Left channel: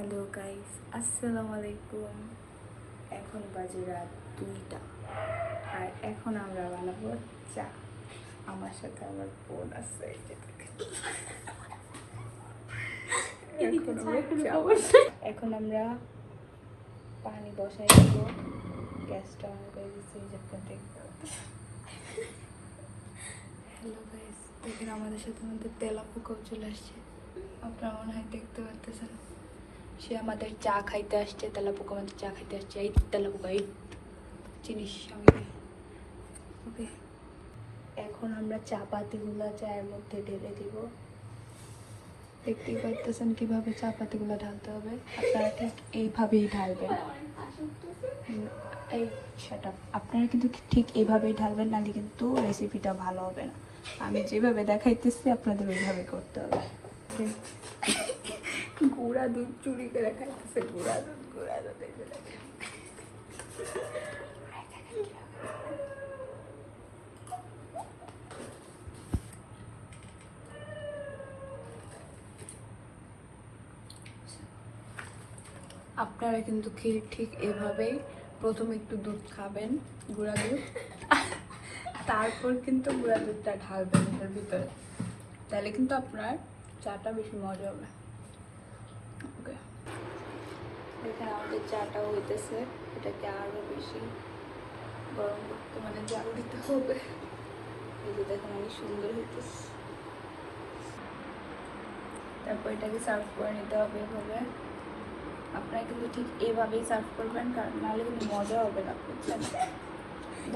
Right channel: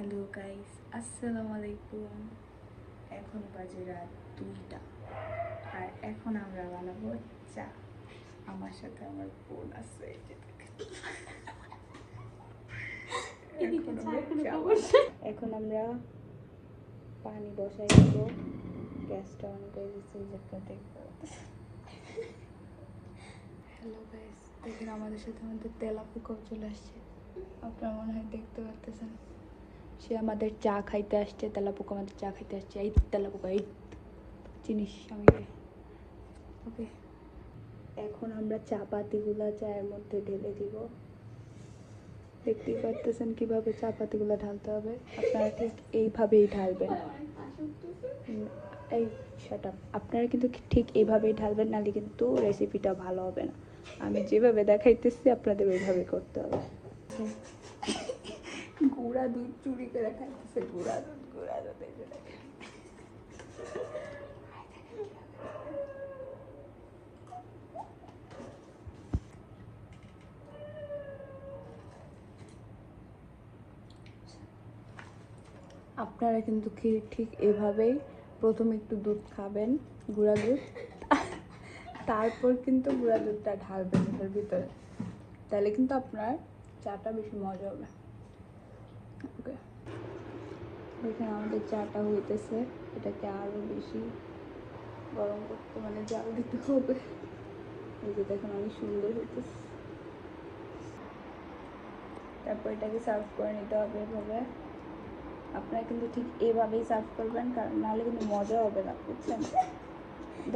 Hello guys, আসসালামু আলাইকুম। এখন বাজে রাত 2টা আর এখন আমরা বানাবো চা। আমার সাথে আমার বোন আছে। এখন আমরা পানি বসাই দেব, গ্যাসটা অন করে দিচ্ছি। হ্যালো গাইস, দেখেন আমাদের সাথে তেলাপোকাও চলে আসছে। আপনারা মনে হয় দেখতে পাচ্ছেন, সে আমাদের চা খাইতে আসছে। তেলাপোকা আমাদের চা খাইতে আসছে। এই তেলাপোকা, এই জিনিস ওকে। এখন আমরা চা পাতিগুলো চায়ের মধ্যে ঢেলে দিব। দেখতেই পারতেছেন কিভাবে চা পাতিগুলো ঢালতে হবে। আপনারা ঠিক এইভাবেই ঢালবেন। এই সেটা আপনারা কিন্তু ঠিক এইভাবেই ঢালবেন, নাহলে কিন্তু রেসিপিটা ভালো হবে না। আমি যেভাবে দেখাইতেছি আপনাদের ওইভাবে করতে হবে। গুঁড়া দুধ চুরি করে খাইতেছে, গুঁড়া দুধ। আপনারা কিন্তু ঠিক এভাবেই প্রথমে একটু দুধ খাবেন, গুঁড়া দুধ, তারপর কিন্তু গুঁড়া দুধটা ঢালবেন এর ভিতরে। তাহলে কিন্তু আপনার চাটা বেশি মজা হবে। ওকে, এখানে আমাদের চাটা হইতেছে। এটাকে আরও বেশি গরম করতে, মানে জাল দিতে হবে। এই যে দেখেন অনেক সুন্দর হইতেছে। তারপর এটাকে সার্ভ করে নিতে হবে এভাবে। আপনারা কিন্তু ঠিক এইভাবেই সার্ভ করবেন, কারণ নাহলে কিন্তু মজা হবে না, বুঝছেন?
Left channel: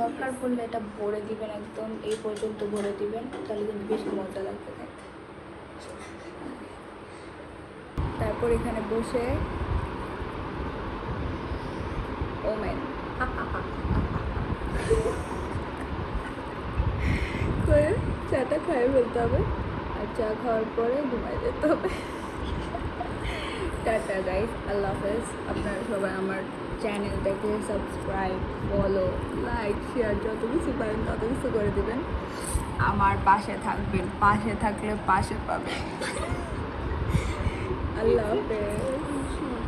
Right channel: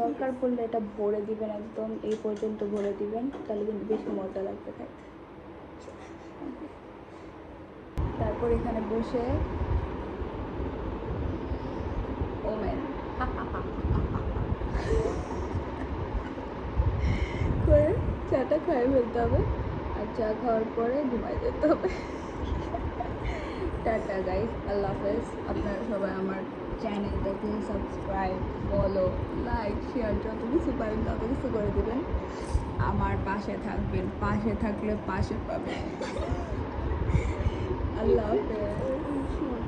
দরকার পড়লে এটা ভরে দিবেন, একদম এই পর্যন্ত ভরে দিবেন, তাহলে কিন্তু বেশি মজা লাগবে খেতে। তারপর এখানে বসে করে চাটা খাই ফেলতে হবে, আর চা খাওয়ার পরে ঘুমাই যেতে হবে। টাটা গাইস, আল্লাহ হাফেজ। আপনারা সবাই আমার চ্যানেলটাকে সাবস্ক্রাইব, ফলো, লাইক, শেয়ার যত কিছু পারেন তত কিছু করে দেবেন। আমার পাশে থাকবেন, পাশে থাকলে পাশে পাবেন। আল্লাহ হাফেজ।